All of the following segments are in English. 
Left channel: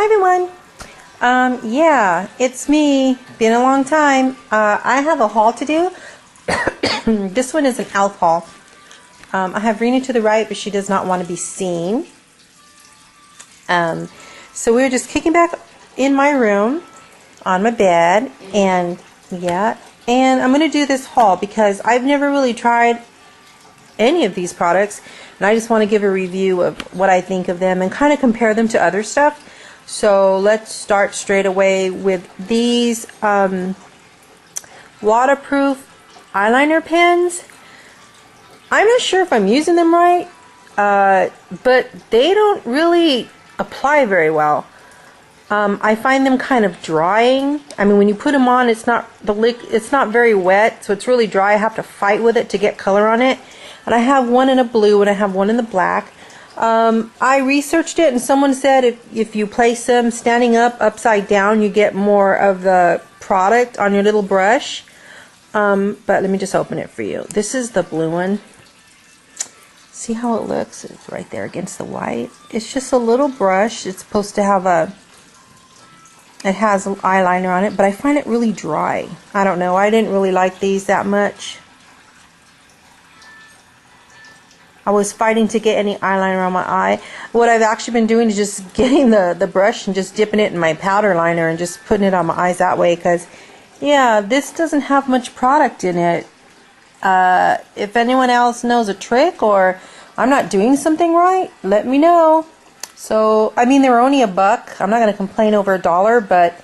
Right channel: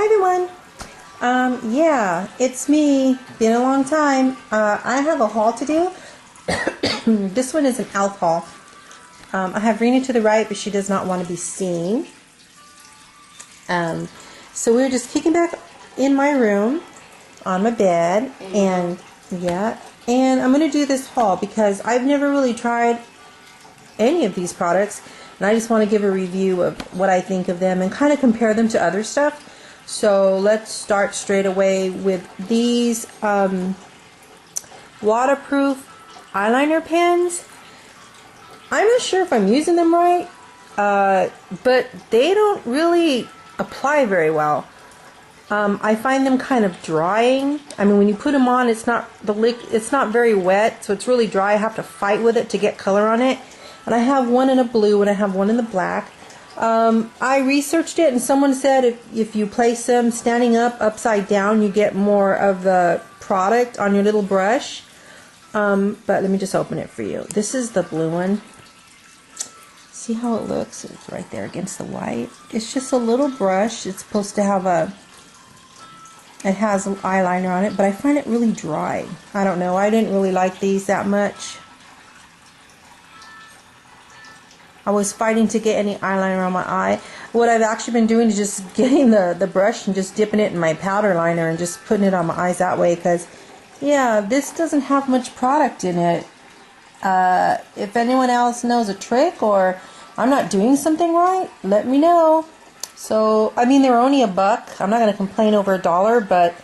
Hi everyone. Yeah, it's me. Been a long time. I have a haul to do. This one is an E.L.F haul. I have Rena to the right, but she does not want to be seen. So we're just kicking back in my room on my bed, and I'm going to do this haul because I've never really tried any of these products, and I just want to give a review of what I think of them and kind of compare them to other stuff. So let's start straight away with these waterproof eyeliner pens. I'm not sure if I'm using them right, but they don't really apply very well. I find them kind of drying. I mean, when you put them on, it's not very wet, so it's really dry. I have to fight with it to get color on it. And I have one in a blue and I have one in the black. I researched it, and someone said if you place them standing up upside down, you get more of the product on your little brush. But let me just open it for you. This is the blue one. See how it looks? It's right there against the white. It's just a little brush. It's supposed to have it has eyeliner on it, but I find it really dry. I don't know. I didn't really like these that much. I was fighting to get any eyeliner on my eye. What I've actually been doing is just getting the brush and just dipping it in my powder liner and just putting it on my eyes that way, because yeah, this doesn't have much product in it. If anyone else knows a trick or I'm not doing something right, let me know. So, I mean, they were only $1. I'm not going to complain over $1, but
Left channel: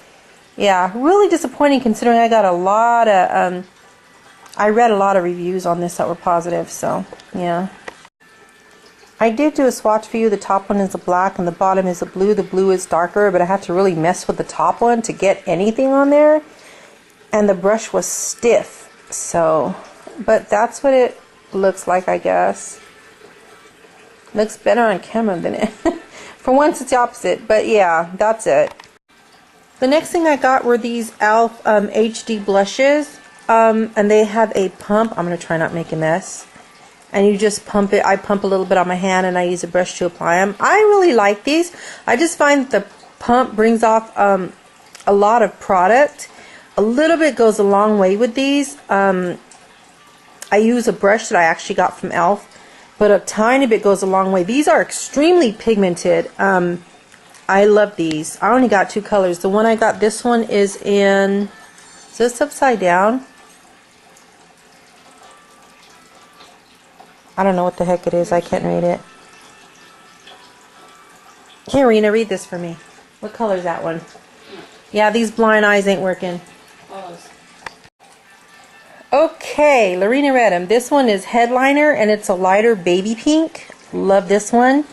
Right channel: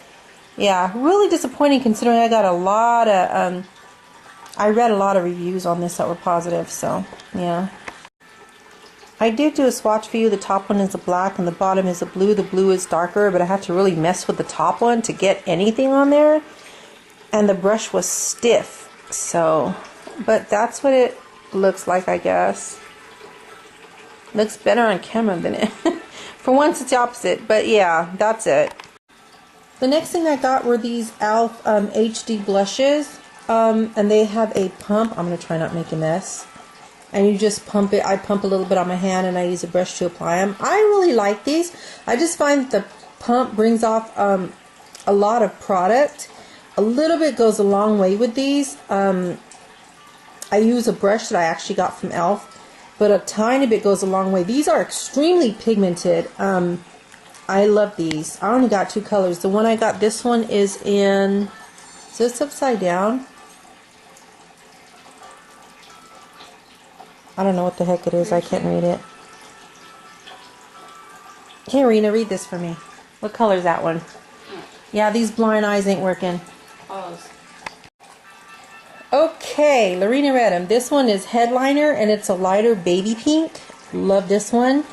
yeah, really disappointing considering I got a lot of, I read a lot of reviews on this that were positive, so yeah. I did do a swatch for you. The top one is a black and the bottom is a blue. The blue is darker, but I had to really mess with the top one to get anything on there. And the brush was stiff, so, but that's what it looks like, I guess. Looks better on camera than it. For once it's the opposite, but yeah, that's it. The next thing I got were these E.L.F HD blushes, and they have a pump. I'm going to try not to make a mess. And you just pump it. I pump a little bit on my hand and I use a brush to apply them. I really like these. I just find the pump brings off a lot of product. A little bit goes a long way with these. I use a brush that I actually got from E.L.F, but a tiny bit goes a long way. These are extremely pigmented. I love these. I only got 2 colors. The one I got, this one is this upside down? I don't know what the heck it is. I can't read it. Here, Rena, read this for me. What color is that one? Yeah, these blind eyes ain't working. Okay, Lorena read them. This one is Headliner, and it's a lighter baby pink. Love this one.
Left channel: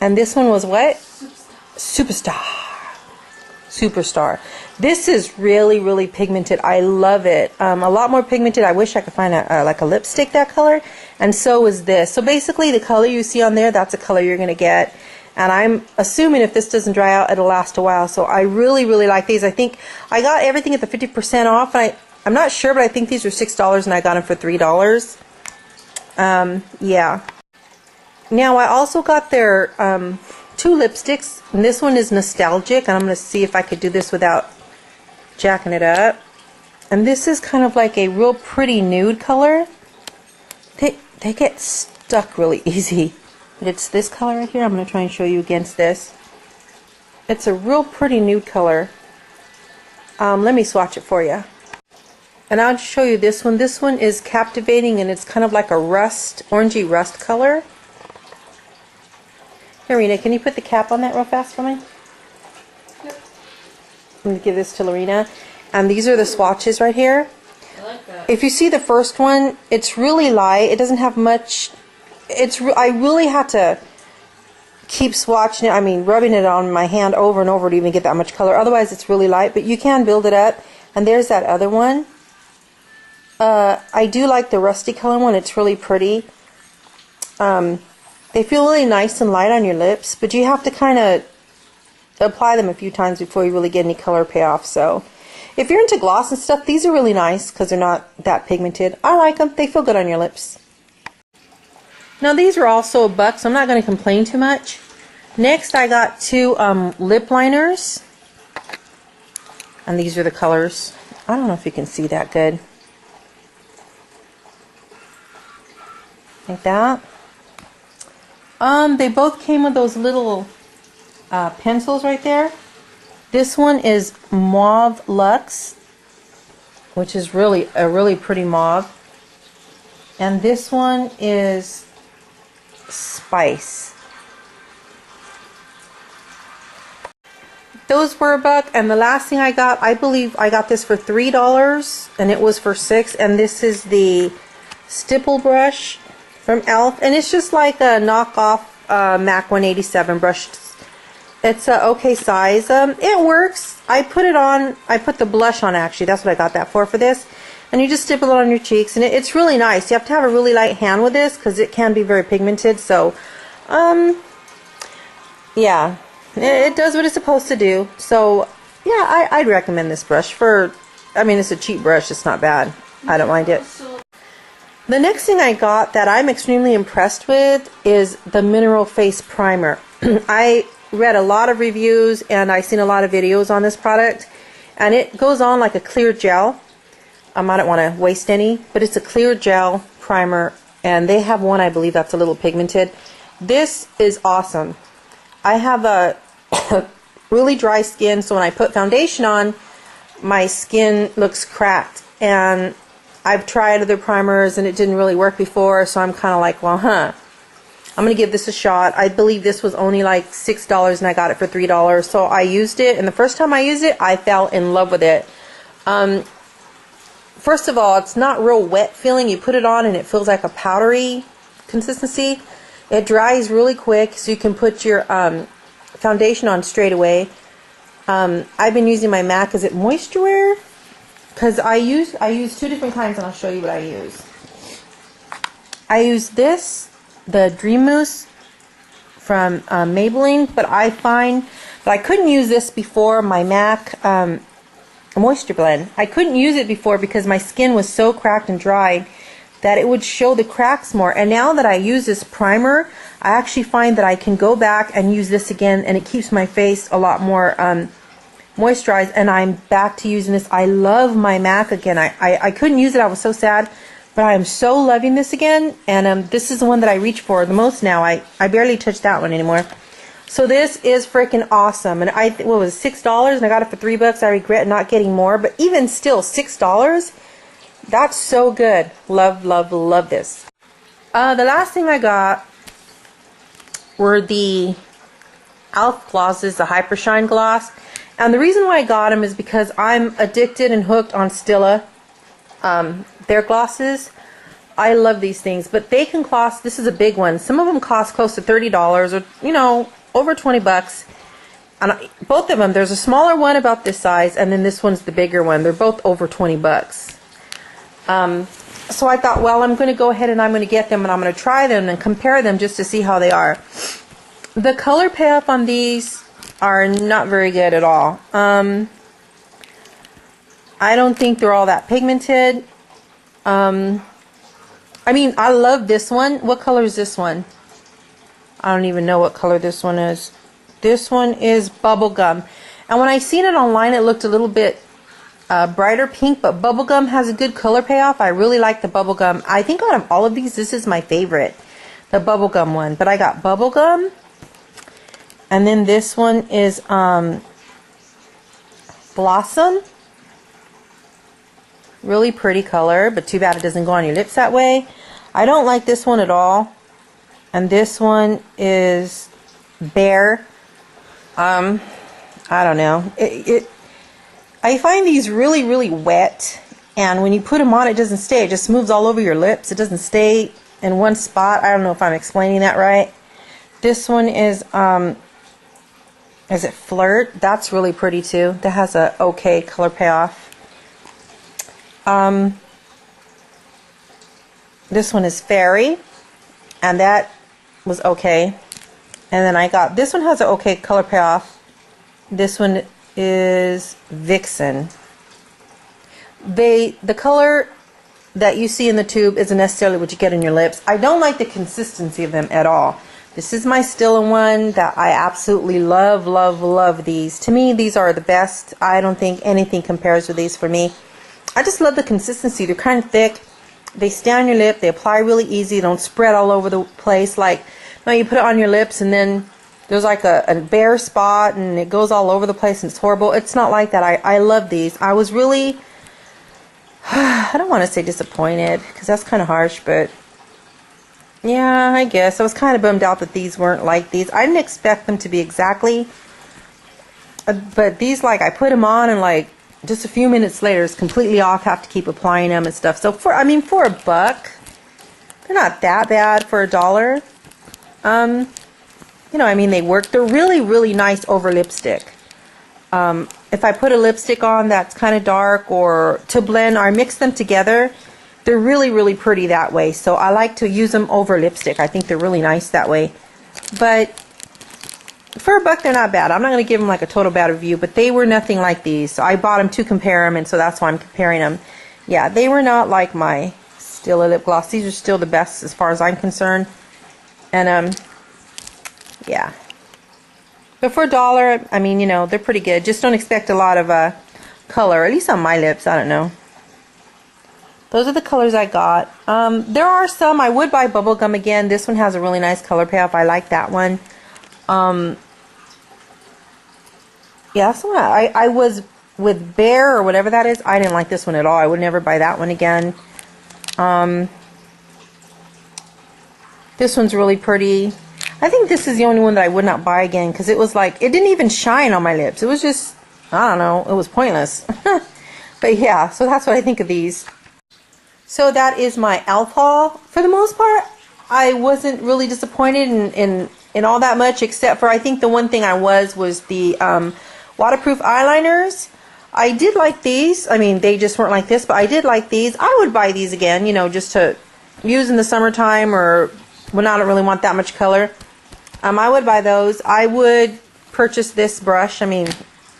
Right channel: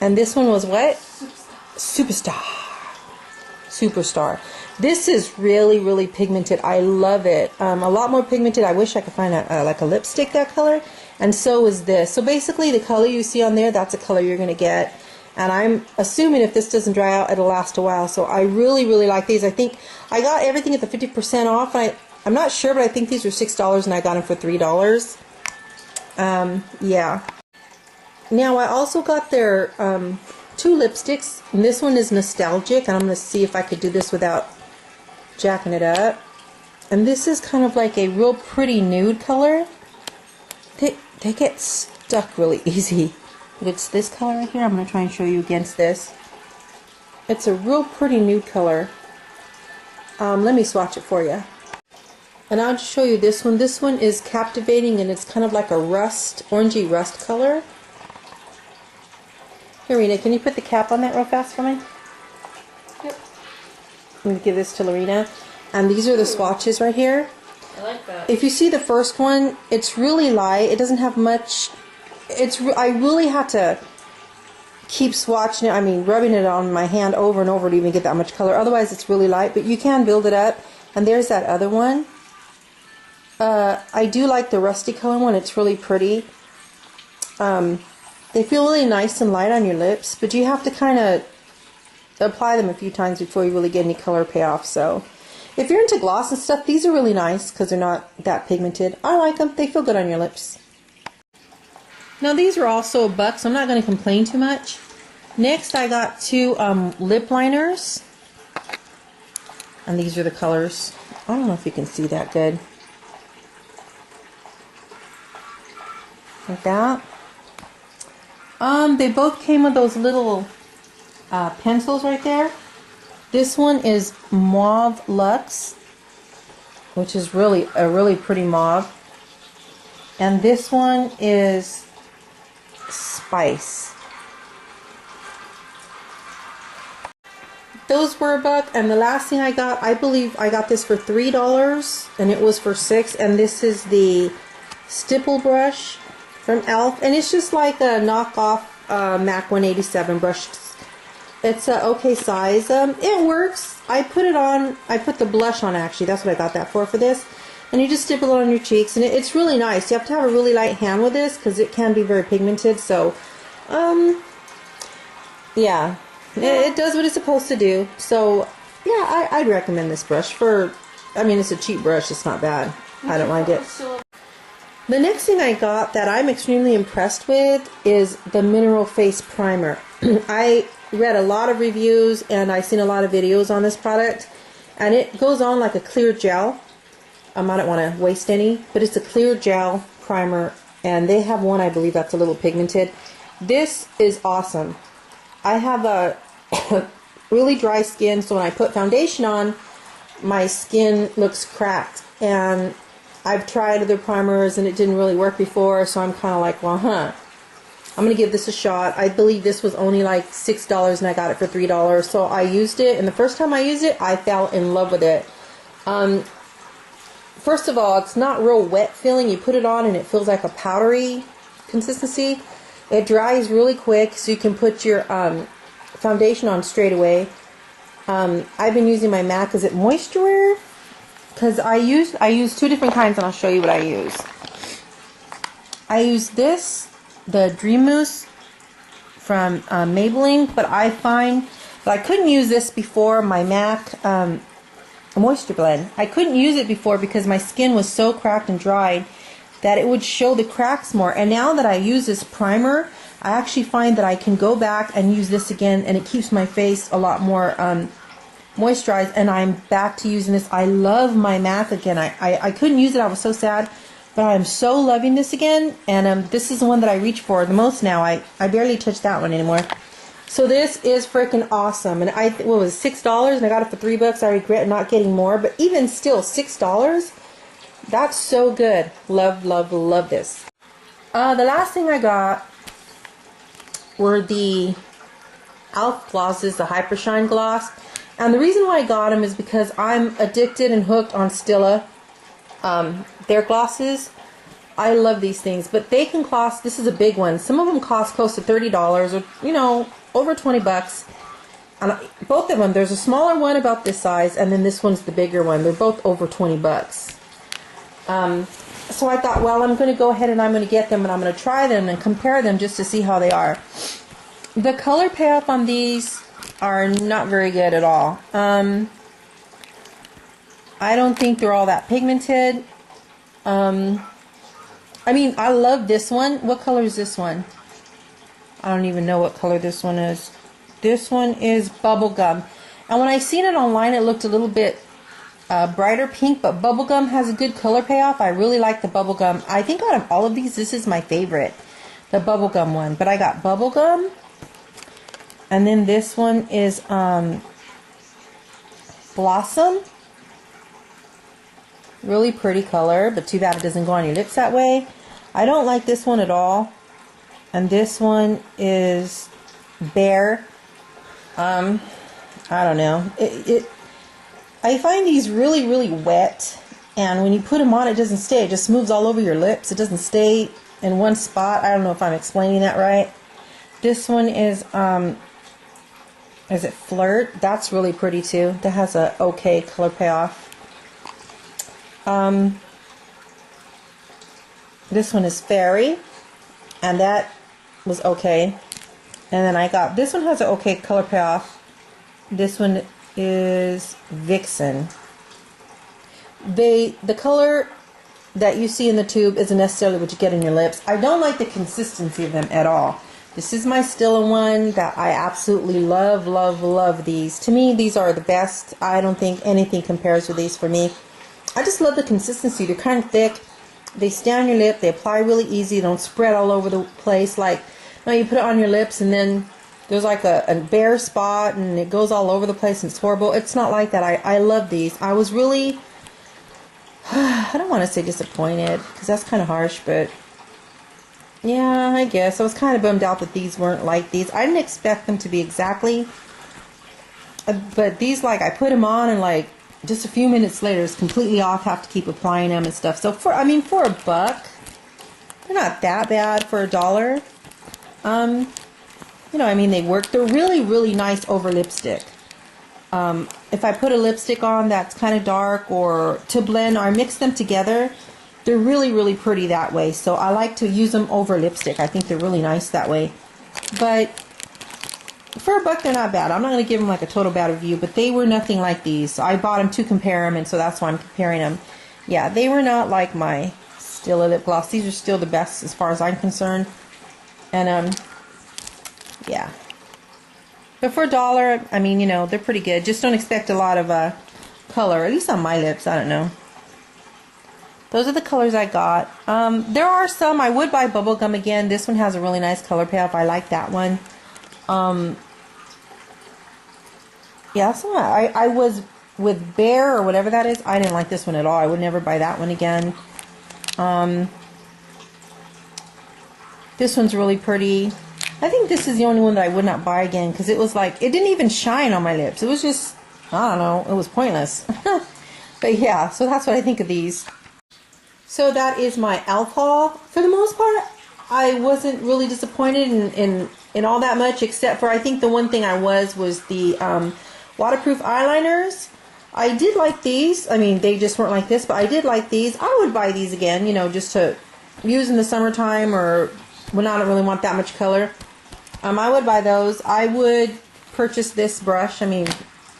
And this one was what? Superstar. This is really, really pigmented. I love it. A lot more pigmented. I wish I could find like a lipstick that color. And so is this. So basically the color you see on there, that's the color you're going to get. And I'm assuming if this doesn't dry out, it'll last a while. So I really, really like these. I think I got everything at the 50% off. And I'm not sure, but I think these were $6 and I got them for $3. Yeah. Now I also got their 2 lipsticks. And this one is Nostalgic. And I'm going to see if I could do this without jacking it up. And this is kind of like a real pretty nude color. They get stuck really easy. But it's this color right here. I'm going to try and show you against this. It's a real pretty nude color. Let me swatch it for you. And I'll show you this one. This one is Captivating, and it's kind of like a orangey rust color. Here, Rena, can you put the cap on that real fast for me? Yep. I'm going to give this to Lorena. And these are the swatches right here. I like that. If you see the first one, it's really light. It doesn't have much. I really had to keep swatching it. I mean, rubbing it on my hand over and over to even get that much color. Otherwise, it's really light. But you can build it up. And there's that other one. I do like the rusty color one. It's really pretty. They feel really nice and light on your lips, but you have to kind of apply them a few times before you really get any color payoff. So if you're into gloss and stuff, these are really nice because they're not that pigmented. I like them. They feel good on your lips. Now these are also $1, so I'm not going to complain too much. Next, I got two lip liners. And these are the colors. I don't know if you can see that good. Like that. They both came with those little pencils right there. This one is Mauve Luxe, which is really a really pretty mauve. And this one is Spice. Those were $1, and the last thing I got, I believe I got this for $3, and it was for $6, and this is the stipple brush from E.L.F, and it's just like a knockoff MAC 187 brush. It's a okay size. It works. I put it on, I put the blush on actually, that's what I got that for this, and you just stipple it on your cheeks, and it's really nice. You have to have a really light hand with this, because it can be very pigmented, so, yeah. It does what it's supposed to do. So, yeah, I'd recommend this brush for, I mean, it's a cheap brush. It's not bad. I don't mind it. The next thing I got that I'm extremely impressed with is the Mineral Face Primer. I read a lot of reviews and I've seen a lot of videos on this product. And it goes on like a clear gel. I don't want to waste any, but it's a clear gel primer. And they have one, I believe, that's a little pigmented. This is awesome. I have a really dry skin, so when I put foundation on, my skin looks cracked. And I've tried other primers and it didn't really work before, so I'm kind of like, well, I'm going to give this a shot. I believe this was only like $6 and I got it for $3. So I used it, and the first time I used it, I fell in love with it. First of all, it's not real wet feeling. You put it on and it feels like a powdery consistency. It dries really quick, so you can put your foundation on straight away. I've been using my MAC, is it Moisture Wear? Because I use two different kinds, and I'll show you what I use. I use this, the Dream Mousse from Maybelline, but I find that I couldn't use this before my MAC Moisture Blend. I couldn't use it before because my skin was so cracked and dried that it would show the cracks more. And now that I use this primer, I actually find that I can go back and use this again, and it keeps my face a lot more moisturized, and I'm back to using this. I love my MAC again. I couldn't use it. I was so sad, but I am so loving this again, and this is the one that I reach for the most now. I barely touch that one anymore. So this is freaking awesome, and what was it, $6, and I got it for $3. I regret not getting more, but even still, $6, that's so good. Love, love, love this. The last thing I got were the E.L.F glosses, the Hyper Shine gloss. And the reason why I got them is because I'm addicted and hooked on Stila. Their glosses. I love these things, but they can cost, this is a big one. Some of them cost close to $30 or, you know, over $20. And both of them, there's a smaller one about this size, and then this one's the bigger one. They're both over $20. So I thought, well, I'm going to go ahead and I'm going to get them, and I'm going to try them and compare them just to see how they are. The color payoff on these are not very good at all. I don't think they're all that pigmented. I mean, I love this one. What color is this one? I don't even know what color this one is. This one is bubblegum. And when I seen it online, it looked a little bit brighter pink, but bubblegum has a good color payoff. I really like the bubblegum. I think out of all of these, this is my favorite, the bubblegum one. But I got bubblegum, and then this one is blossom. Really pretty color, but too bad it doesn't go on your lips that way. I don't like this one at all. And this one is bear. I don't know. I find these really, really wet, and when you put them on, it doesn't stay. It just moves all over your lips. It doesn't stay in one spot. I don't know if I'm explaining that right. This one is it Flirt? That's really pretty too. That has a okay color payoff. This one is Fairy, and that was okay. And then I got, this one has an okay color payoff. This one is Vixen. The color that you see in the tube isn't necessarily what you get in your lips. I don't like the consistency of them at all. This is my Stila one that I absolutely love, love, love these. To me, these are the best. I don't think anything compares with these for me. I just love the consistency. They're kind of thick. They stay on your lip. They apply really easy. They don't spread all over the place. Like, no, you put it on your lips and then there's like a bare spot and it goes all over the place and it's horrible. It's not like that. I love these. I was really, I don't want to say disappointed because that's kind of harsh, but yeah, I guess. I was kind of bummed out that these weren't like these. I didn't expect them to be exactly, but these, like, I put them on and like just a few minutes later it's completely off. Have to keep applying them and stuff. So for $1, they're not that bad for $1. You know, I mean, they work. They're really, really nice over lipstick. If I put a lipstick on that's kind of dark or to blend or mix them together, they're really, really pretty that way. So I like to use them over lipstick. I think they're really nice that way. But for $1, they're not bad. I'm not going to give them like a total bad review, but they were nothing like these. So I bought them to compare them, and so that's why I'm comparing them. Yeah, they were not like my Stila lip gloss. These are still the best as far as I'm concerned. And yeah. But for $1, I mean, you know, they're pretty good. Just don't expect a lot of color, at least on my lips. I don't know. Those are the colors I got. There are some. I would buy bubblegum again. This one has a really nice color payoff. I like that one. Yeah, so I was with Bear or whatever that is. I didn't like this one at all. I would never buy that one again. This one's really pretty. I think this is the only one that I would not buy again because it was like, it didn't even shine on my lips. It was just, I don't know, it was pointless. But yeah, so that's what I think of these. So that is my E.L.F haul. For the most part, I wasn't really disappointed in all that much, except for I think the one thing I was the waterproof eyeliners. I did like these. I mean, they just weren't like this, but I did like these. I would buy these again, you know, just to use in the summertime or when I don't really want that much color. I would buy those. I would purchase this brush. I mean,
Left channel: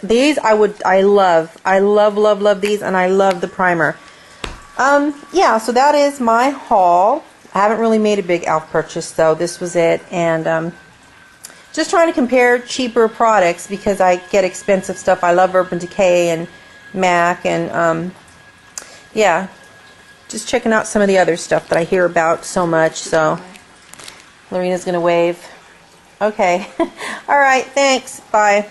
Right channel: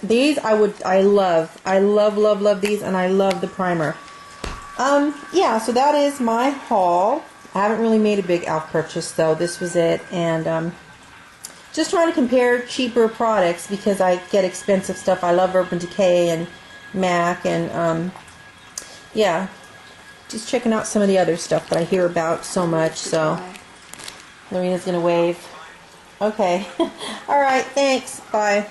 these I love, love these, and I love the primer. Yeah, so that is my haul. I haven't really made a big E.L.F purchase, though. This was it, and just trying to compare cheaper products because I get expensive stuff. I love Urban Decay and MAC, and yeah, just checking out some of the other stuff that I hear about so much. So Lorena's gonna wave. Okay. All right, thanks. Bye.